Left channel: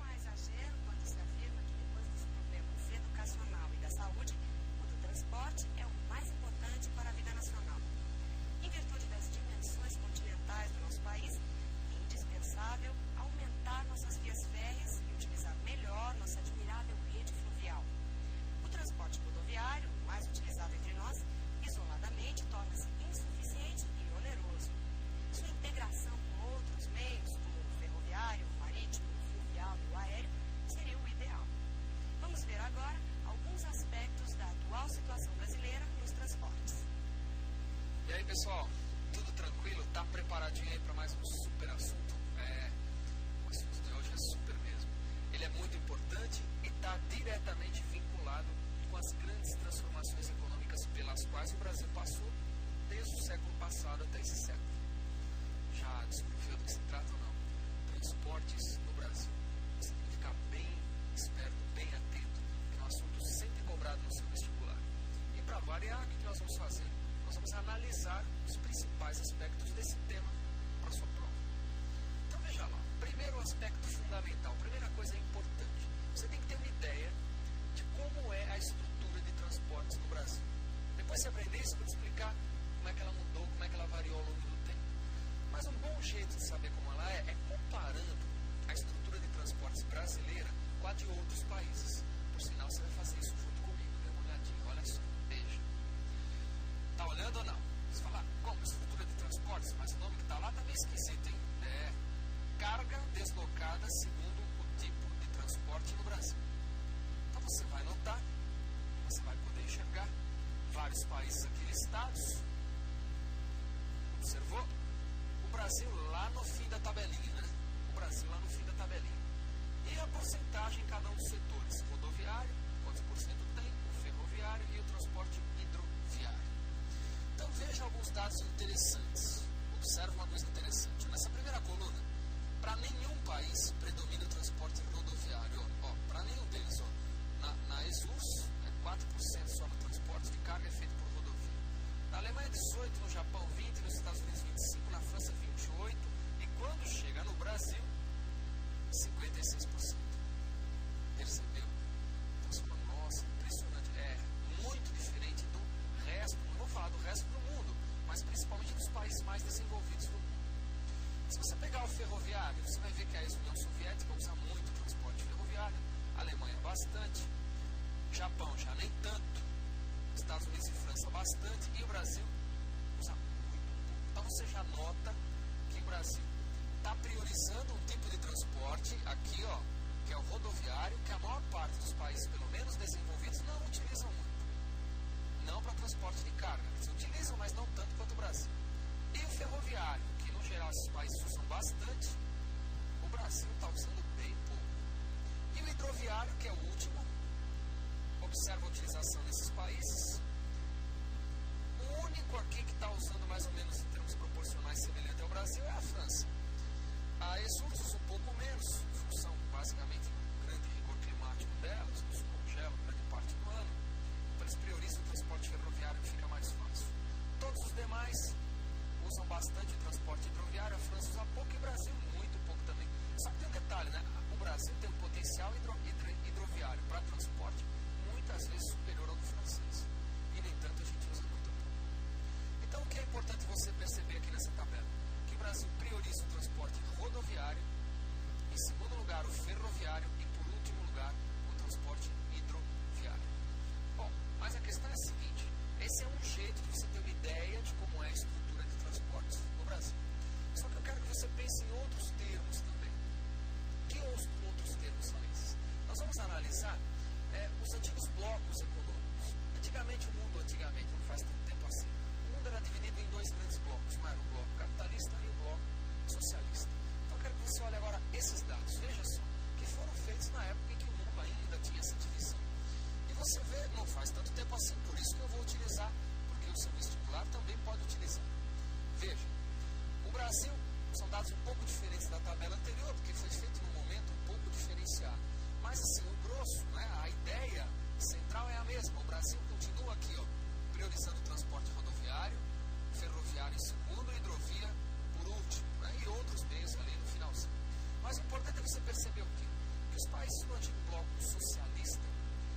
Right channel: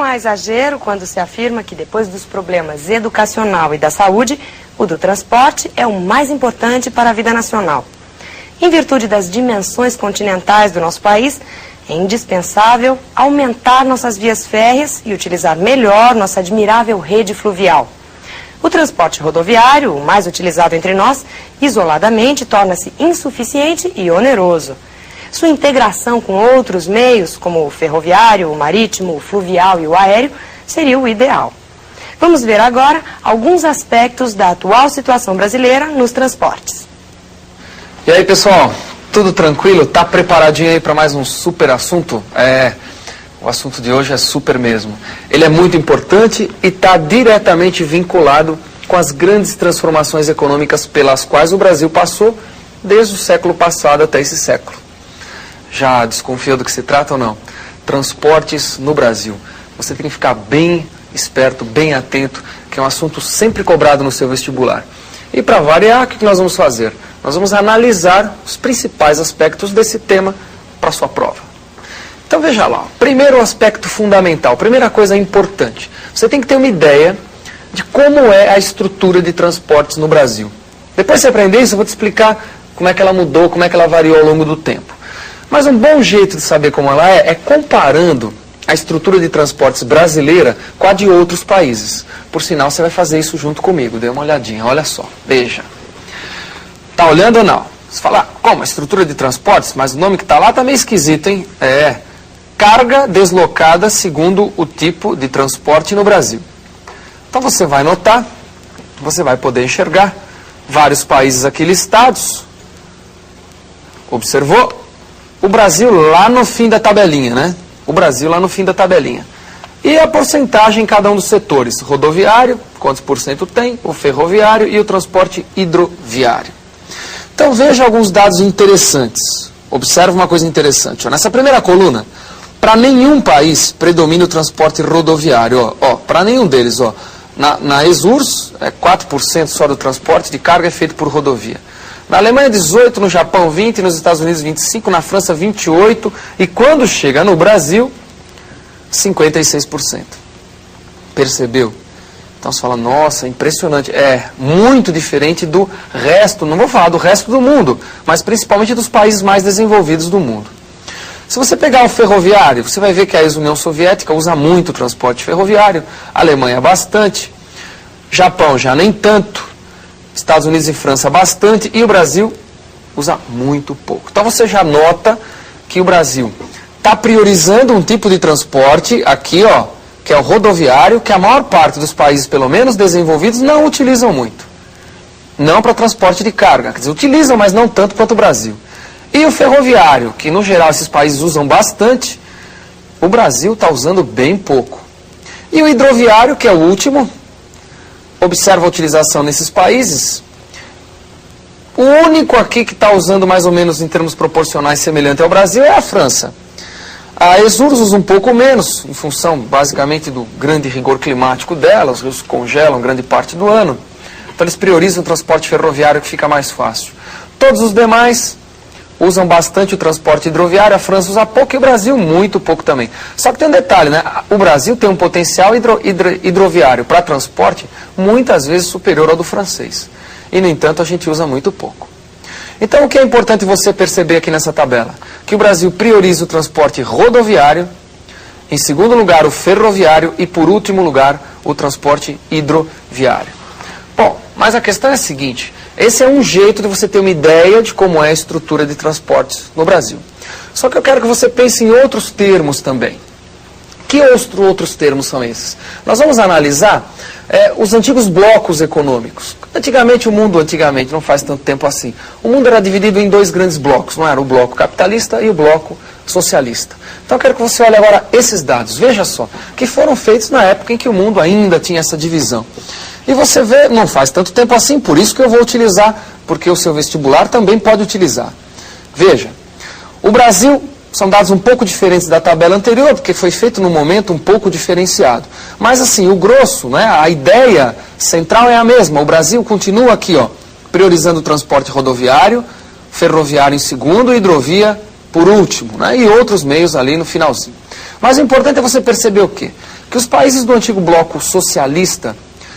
Não há exagero quando se afirma que depois dos problemas educacional e da saúde, o do transporte é o mais importante para a vida nacional. Em virtude das dimensões continentais do nosso país, é indispensável aumentar nossas vias férreas e utilizar melhor nossa admirável rede fluvial. O transporte rodoviário, o mais utilizado entre nós, isoladamente torna-se insuficiente e oneroso. Sua integração com outros meios, como o ferroviário, o marítimo, o fluvial e o aéreo, seria o ideal. Vamos ver agora alguns aspectos da atual situação brasileira nos transportes. E aí, pessoal, tudo tranquilo? Tá preparadinho aí para mais um super assunto? O assunto de hoje é super mesmo. Ele é muito importante e está diretamente vinculado com as grandes transformações econômicas pelas quais o Brasil passou desde o século passado até esse século. Já desconfia do que se trata ou não? Transportes no Brasil. Você tem que ficar bem esperto, bem atento, que é um assunto sempre cobrado no seu vestibular. E para variar, o que nós vamos fazer? Nós vamos analisar os principais aspectos desse tema para a sua prova. Então veja lá, primeiro aspecto fundamental, primeira coisa importante. Você tem que ter uma ideia de como é a estrutura de transportes no Brasil. Depois de você aprender isso, eu vou te explicar como é que ela mudou, como é que ela variou ao longo do tempo. Mas um bom jeito de saber como ela é comparando a estrutura de transportes brasileira com a de outros países. Por sinal, você vai fazer isso junto comigo. Dê uma olhadinha, olha só, veja. Tá olhando ou não? Você fala, como? A estrutura de transportes? Mas o nome que está lá está meio esquisito, hein? Carga deslocada segundo o tipo de transporte no Brasil. Então você vai notar, você vai poder enxergar vários países aqui listados. Observou? O Brasil lá no fim da tabelinha, né? O Brasil lá no fim da tabelinha. E a porcentagem em cada um dos setores. Rodoviário, quantos por cento tem, o ferroviário e o transporte hidroviário. Então veja alguns dados interessantes. Observe uma coisa interessante. Nessa primeira coluna, para nenhum país predomina o transporte rodoviário. Para nenhum deles. Na ESURS, 4% só do transporte de carga é feito por rodovia. Na Alemanha, 18%, no Japão, 20%, nos Estados Unidos, 25%, na França, 28%, e quando chega no Brasil, 56%. Percebeu? Então você fala, nossa, impressionante. É muito diferente do resto, não vou falar do resto do mundo, mas principalmente dos países mais desenvolvidos do mundo. Se você pegar o ferroviário, você vai ver que a ex-União Soviética usa muito o transporte ferroviário, a Alemanha bastante, Japão já nem tanto, Estados Unidos e França bastante, e o Brasil usa muito pouco. Então você já nota que o Brasil está priorizando um tipo de transporte aqui, que é o rodoviário, que a maior parte dos países, pelo menos desenvolvidos, não utilizam muito. Não para transporte de carga, quer dizer, utilizam, mas não tanto quanto o Brasil. E o ferroviário, que no geral esses países usam bastante, o Brasil está usando bem pouco. E o hidroviário, que é o último, observa a utilização nesses países. O único aqui que está usando mais ou menos em termos proporcionais semelhante ao Brasil é a França. A ESURS usa um pouco menos, em função basicamente do grande rigor climático dela, os rios congelam grande parte do ano. Então eles priorizam o transporte ferroviário que fica mais fácil. Todos os demais usam bastante o transporte hidroviário, a França usa pouco e o Brasil muito pouco também. Só que tem um detalhe, né? O Brasil tem um potencial hidroviário para transporte muitas vezes superior ao do francês. E, no entanto, a gente usa muito pouco. Então, o que é importante você perceber aqui nessa tabela? Que o Brasil prioriza o transporte rodoviário, em segundo lugar o ferroviário e, por último lugar, o transporte hidroviário. Bom, mas a questão é a seguinte, esse é um jeito de você ter uma ideia de como é a estrutura de transportes no Brasil. Só que eu quero que você pense em outros termos também. Que outros termos são esses? Nós vamos analisar os antigos blocos econômicos. Antigamente, não faz tanto tempo assim, o mundo era dividido em dois grandes blocos, não era? O bloco capitalista e o bloco socialista. Então eu quero que você olhe agora esses dados, veja só, que foram feitos na época em que o mundo ainda tinha essa divisão. E você vê, não faz tanto tempo assim, por isso que eu vou utilizar, porque o seu vestibular também pode utilizar. Veja, o Brasil, são dados um pouco diferentes da tabela anterior, porque foi feito num momento um pouco diferenciado. Mas assim, o grosso, né, a ideia central é a mesma. O Brasil continua aqui, priorizando o transporte rodoviário, ferroviário em segundo, hidrovia por último, né, e outros meios ali no finalzinho. Mas o importante é você perceber o quê? Que os países do antigo bloco socialista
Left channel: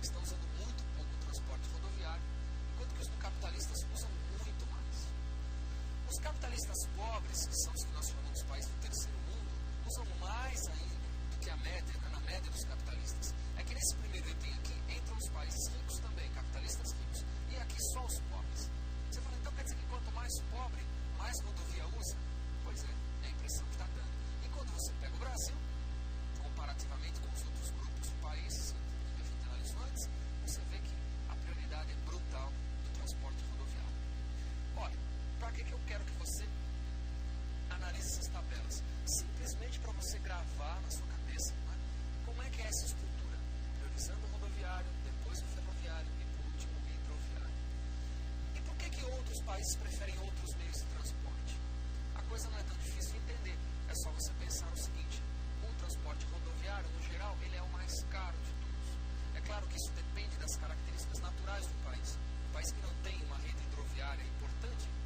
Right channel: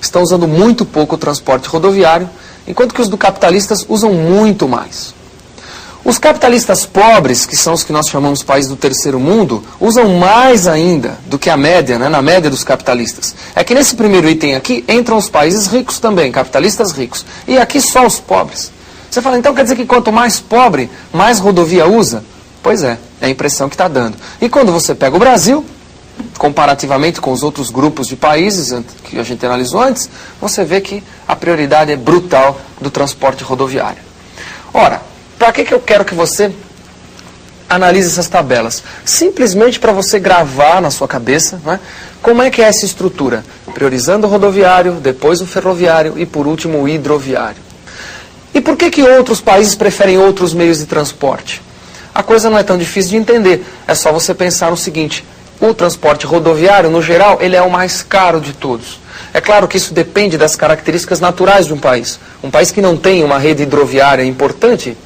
estão usando muito pouco o transporte rodoviário, enquanto que os do capitalistas usam muito mais. Os capitalistas pobres, que são os que nós chamamos países do terceiro mundo, usam mais ainda do que a média, né, na média dos capitalistas. É que nesse primeiro item aqui entram os países ricos também, capitalistas ricos. E aqui só os pobres. Você fala, então quer dizer que quanto mais pobre, mais rodovia usa? Pois é a impressão que está dando. E quando você pega o Brasil, comparativamente com os outros grupos de países que a gente analisou antes, você vê que a prioridade é brutal do transporte rodoviário. Ora, para que eu quero que você analise essas tabelas? Simplesmente para você gravar na sua cabeça, né, como é que é essa estrutura, priorizando o rodoviário, depois o ferroviário e por último o hidroviário. E por que outros países preferem outros meios de transporte? A coisa não é tão difícil de entender, é só você pensar no seguinte: o transporte rodoviário, no geral, ele é o mais caro de todos. É claro que isso depende das características naturais de um país. Um país que não tem uma rede hidroviária importante,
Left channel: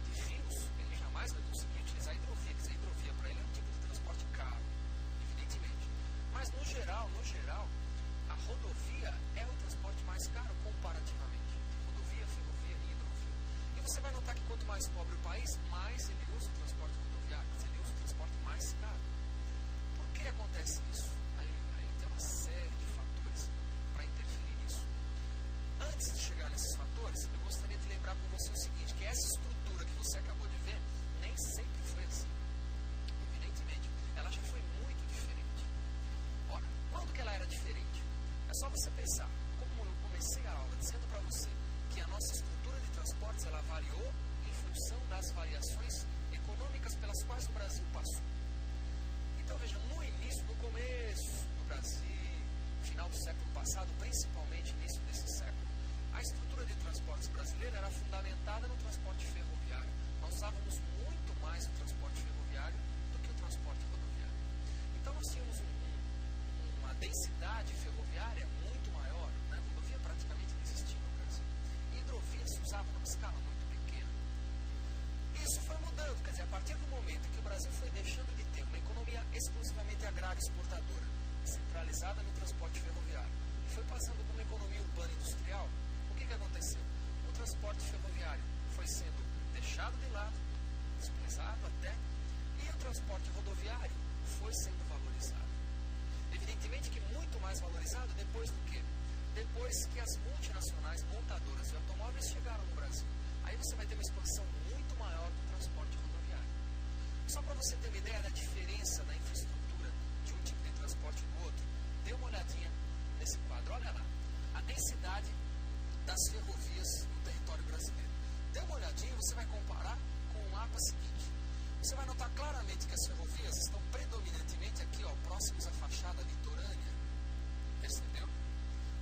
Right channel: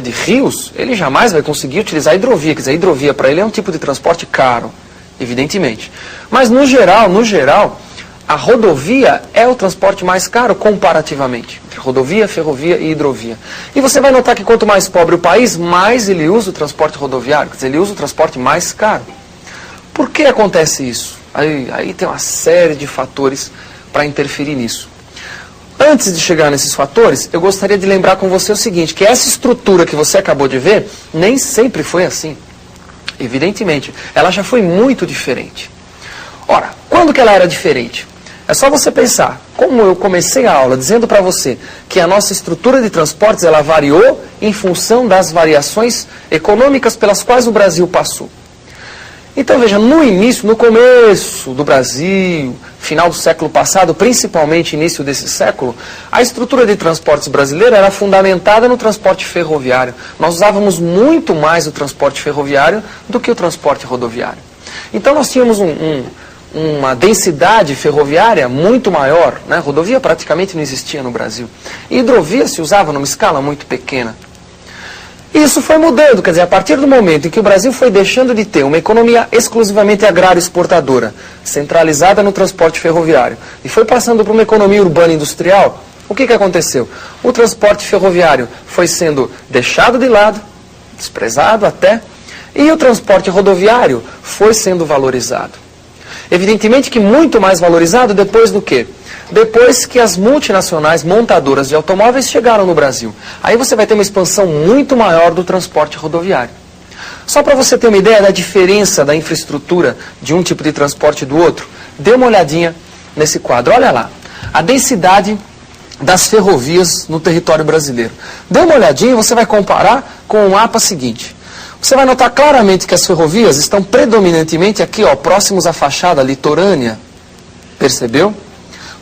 de rios, ele jamais vai conseguir utilizar a hidrovia. Quer dizer, a hidrovia para ele é um tipo de transporte caro, evidentemente. Mas no geral, a rodovia é o transporte mais caro comparativamente. Entre rodovia, ferrovia e hidrovia. E você vai notar que quanto mais pobre o país, mais ele usa o transporte rodoviário. Quer dizer, ele usa o transporte mais caro. Por que acontece isso? Aí tem uma série de fatores para interferir nisso. Antes de chegar nesses fatores, eu gostaria de lembrar com você o seguinte, que essa estrutura que você acabou de ver, nem sempre foi assim. Evidentemente, ela já foi muito diferente. Ora, quando que ela era diferente? É só você pensar, como eu comecei a aula dizendo para você que a nossa estrutura de transportes ela variou em função das variações econômicas pelas quais o Brasil passou. Então veja, no começo do Brasil, final do século passado, principalmente início desse século, a estrutura de transportes brasileira era fundamentada no transporte ferroviário. Nós usávamos muito mais o transporte ferroviário do que o transporte rodoviário. Então nós tínhamos uma densidade ferroviária muito maior, né? Rodovia praticamente não existia no Brasil. E hidrovia se usava numa escala muito pequena. Isso foi mudando, quer dizer, a partir do momento em que o Brasil foi deixando de ter uma economia exclusivamente agrária exportadora, centralizada no transporte ferroviário, e foi passando para uma economia urbana industrial, o que aconteceu? O transporte ferroviário foi sendo deixado de lado, desprezado até, e o transporte rodoviário foi sendo valorizado. Evidentemente que muito mais valorizado depois do quê? Depois que as multinacionais montadoras de automóveis chegaram no Brasil. Aí você vai ter uma expansão muito maior do transporte rodoviário. Só para você ter uma ideia da diferença da infraestrutura de um tipo de transporte e do outro, dê uma olhadinha nesse quadro. Olha lá, a densidade das ferrovias no território brasileiro. Dê uma olhadinha e você vai comparar com o mapa seguinte. Você vai notar claramente que as ferrovias estão predominantemente aqui, ó, próximos à fachada litorânea. Percebeu?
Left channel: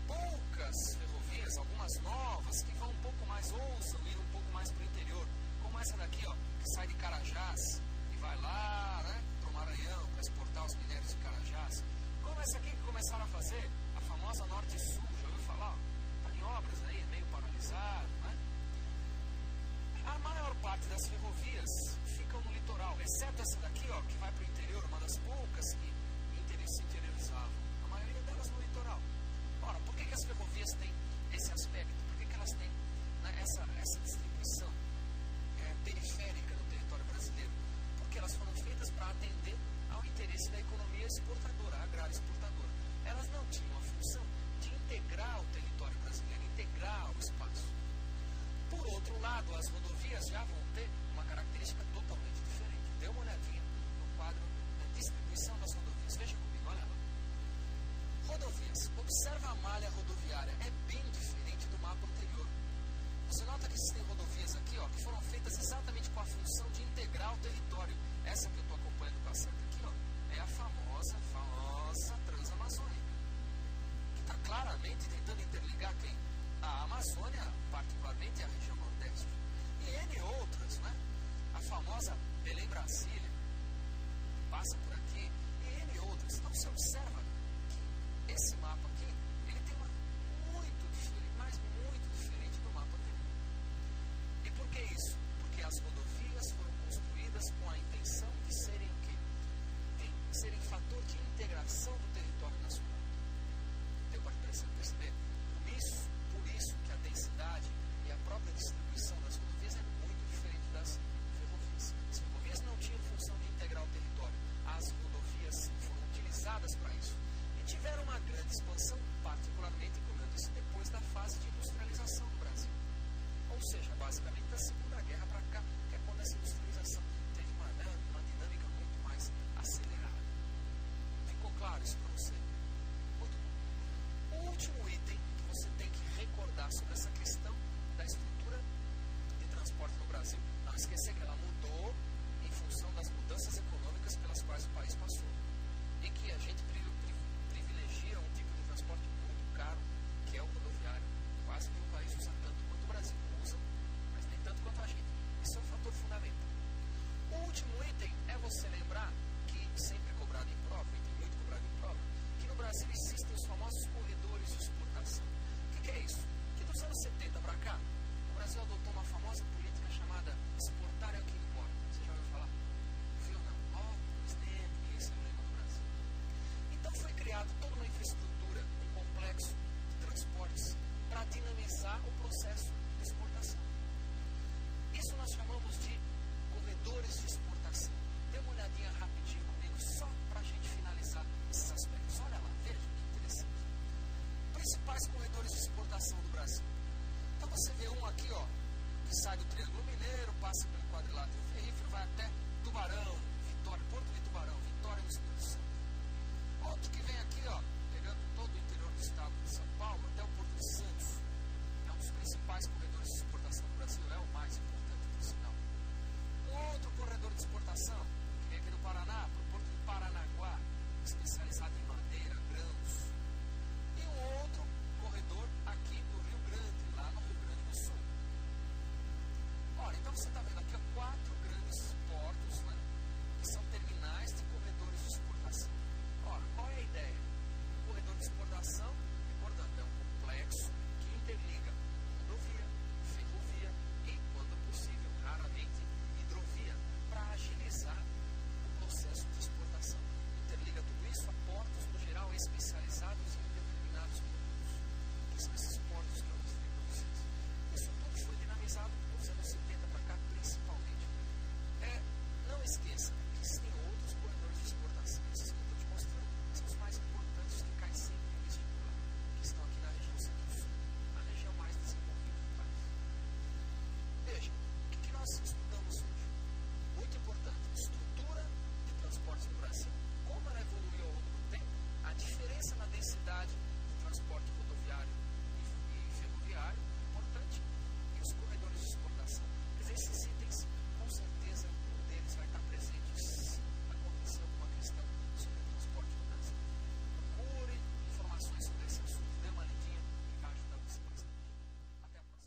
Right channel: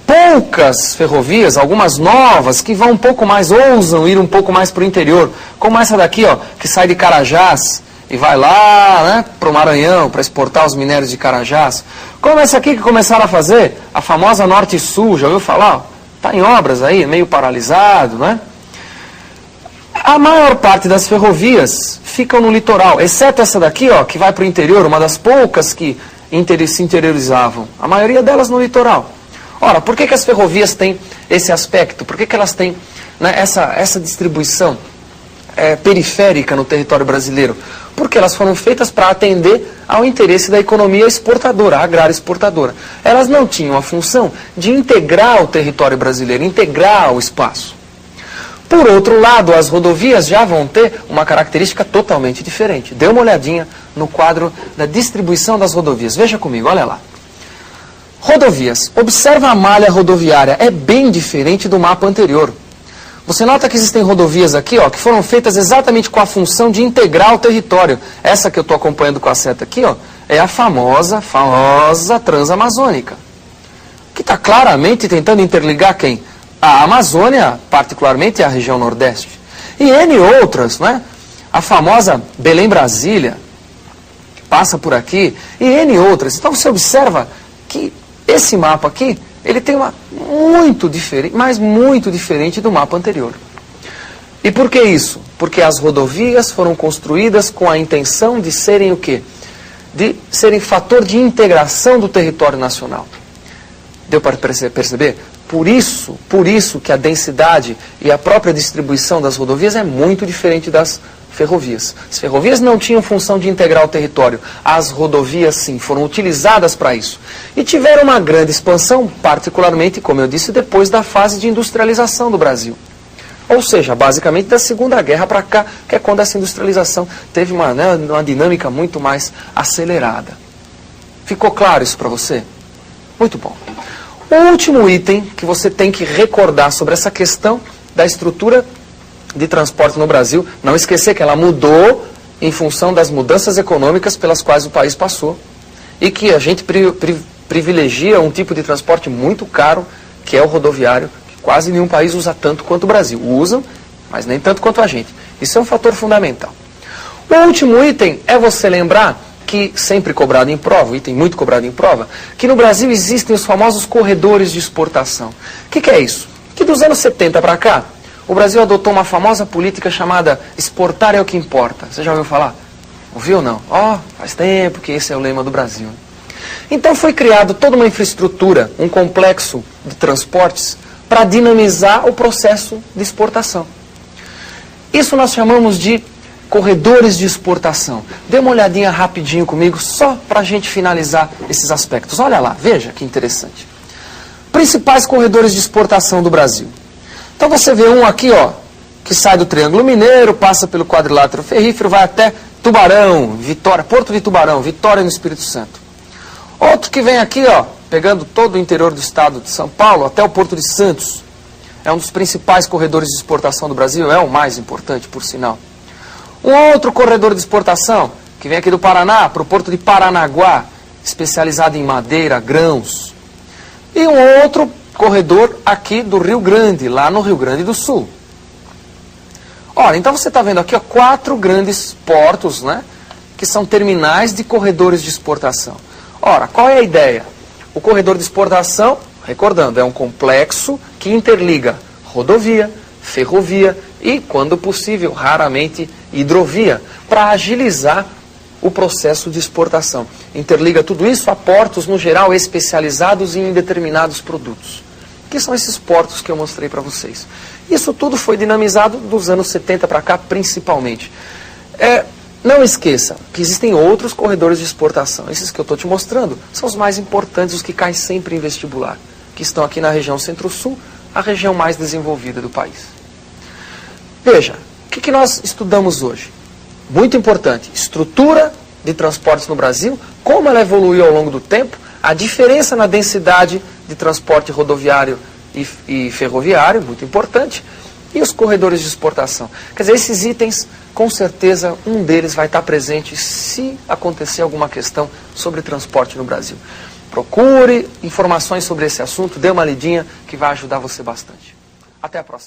Poucas ferrovias, algumas novas, que vão um pouco mais, ousam ir um pouco mais para o interior, como essa daqui, ó, que sai de Carajás e vai lá, né, para o Maranhão, para exportar os minérios de Carajás. Como essa aqui que começaram a fazer, a famosa Norte e Sul, já ouviu falar? Está em obras aí, meio paralisado, né? A maior parte das ferrovias ficam no litoral, exceto essa daqui, ó, que vai para o interior, uma das poucas que se interiorizavam. A maioria delas no litoral. Ora, por que as ferrovias têm esse aspecto? Por que elas têm, né, essa distribuição periférica no território brasileiro? Porque elas foram feitas para atender ao interesse da economia exportadora, agrária exportadora. Elas não tinham a função de integrar o território brasileiro, integrar o espaço. Por outro lado, as rodovias já vão ter uma característica totalmente diferente. Dê uma olhadinha no quadro da distribuição das rodovias. Veja comigo, olha lá. Rodovias. Observa a malha rodoviária. É bem diferente do mapa anterior. Você nota que existem rodovias aqui, ó, que foram feitas exatamente com a função de integrar o território. Essa que eu estou acompanhando com a seta aqui, ó, é a famosa Transamazônica. Que está claramente tentando interligar quem? A Amazônia, particularmente a região Nordeste. E N outras, né? A famosa Belém-Brasília, que passa por aqui, e N outras. Então você observa que esse mapa aqui, ele tem uma muito diferente, mas muito diferente do mapa anterior. E por que isso? Porque as rodovias foram construídas com a intenção de serem o quê? de serem fator de integração do território nacional. Deu para perceber? Por isso que a densidade e a própria distribuição das rodovias é muito diferente das ferrovias. As ferrovias não tinham função de integrar o território. As rodovias, sim, foram utilizadas para isso. E tiveram uma grande expansão, particularmente, como eu disse, depois da fase de industrialização do Brasil. Ou seja, basicamente da Segunda Guerra para cá, que é quando essa industrialização teve uma dinâmica muito mais acelerada. Ficou claro isso para você? Muito bom. O último item que você tem que recordar sobre essa questão da estrutura de transporte no Brasil, não esquecer que ela mudou em função das mudanças econômicas pelas quais o país passou e que a gente privilegia um tipo de transporte muito caro, que é o rodoviário, que quase nenhum país usa tanto quanto o Brasil. Usam, mas nem tanto quanto a gente. Isso é um fator fundamental. O último item é você lembrar que, sempre cobrado em prova, um item muito cobrado em prova, que no Brasil existem os famosos corredores de exportação. O que é isso? Que dos anos 70 para cá, o Brasil adotou uma famosa política chamada exportar é o que importa. Você já ouviu falar? Ouviu ou não? Faz tempo que esse é o lema do Brasil. Então foi criado toda uma infraestrutura, um complexo de transportes para dinamizar o processo de exportação. Isso nós chamamos de corredores de exportação. Dê uma olhadinha rapidinho comigo, só para a gente finalizar esses aspectos. Olha lá, veja que interessante. Principais corredores de exportação do Brasil. Então você vê um aqui, que sai do Triângulo Mineiro, passa pelo quadrilátero ferrífero, vai até Tubarão, Vitória, Porto de Tubarão, Vitória no Espírito Santo. Outro que vem aqui, pegando todo o interior do estado de São Paulo, até o Porto de Santos. É um dos principais corredores de exportação do Brasil, é o mais importante, por sinal. Um outro corredor de exportação, que vem aqui do Paraná, para o Porto de Paranaguá, especializado em madeira, grãos. E um outro corredor aqui do Rio Grande, lá no Rio Grande do Sul. Ora, então você está vendo aqui 4 grandes portos, que são terminais de corredores de exportação. Ora, qual é a ideia? O corredor de exportação, recordando, é um complexo que interliga rodovia, ferrovia e, quando possível, raramente, hidrovia, para agilizar o processo de exportação. Interliga tudo isso a portos, no geral, especializados em determinados produtos, que são esses portos que eu mostrei para vocês. Isso tudo foi dinamizado dos anos 70 para cá, principalmente. Não esqueça que existem outros corredores de exportação. Esses que eu estou te mostrando são os mais importantes, os que caem sempre em vestibular, que estão aqui na região Centro-Sul, a região mais desenvolvida do país. Veja, o que nós estudamos hoje? Muito importante, estrutura de transportes no Brasil, como ela evoluiu ao longo do tempo, a diferença na densidade de transporte rodoviário e ferroviário, muito importante, e os corredores de exportação. Quer dizer, esses itens, com certeza, um deles vai estar presente se acontecer alguma questão sobre transporte no Brasil. Procure informações sobre esse assunto, dê uma lidinha que vai ajudar você bastante. Até a próxima.